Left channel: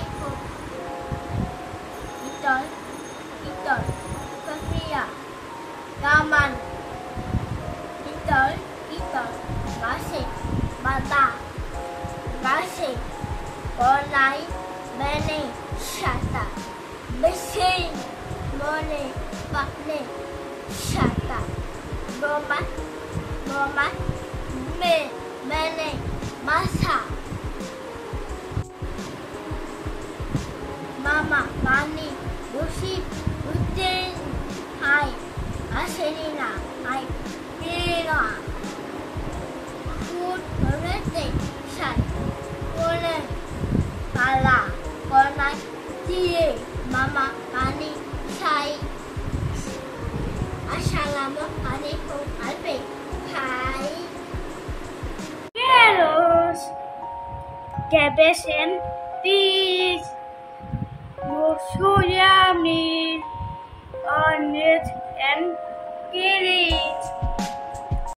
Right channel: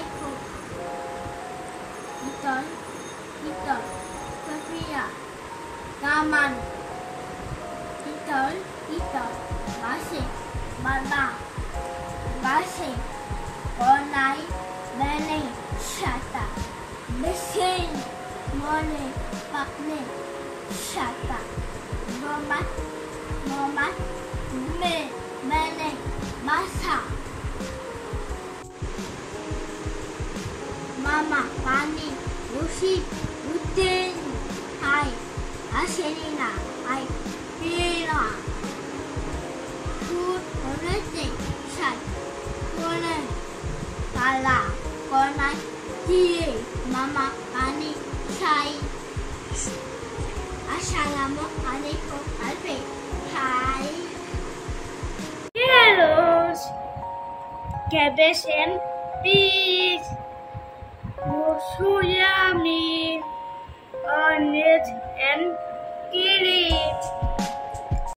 alaikum. Titol, Sofia, Taman, Titol, Masih, Baba, Masih, Konai, Bene, Shata, Besin, Mone, Bakne, Shata, Domat, Bene, Masa, Mama, Bani, Bushi, Uten, Hai, Aselina, Hai, Tira, Food, Everything, Shat, Kone, Tala, Kona, Tie, Mama, Bani, Shai, Assalamualaikum, Alpe, Hai. Heroes, Gabeshen, Peace. Musuyami,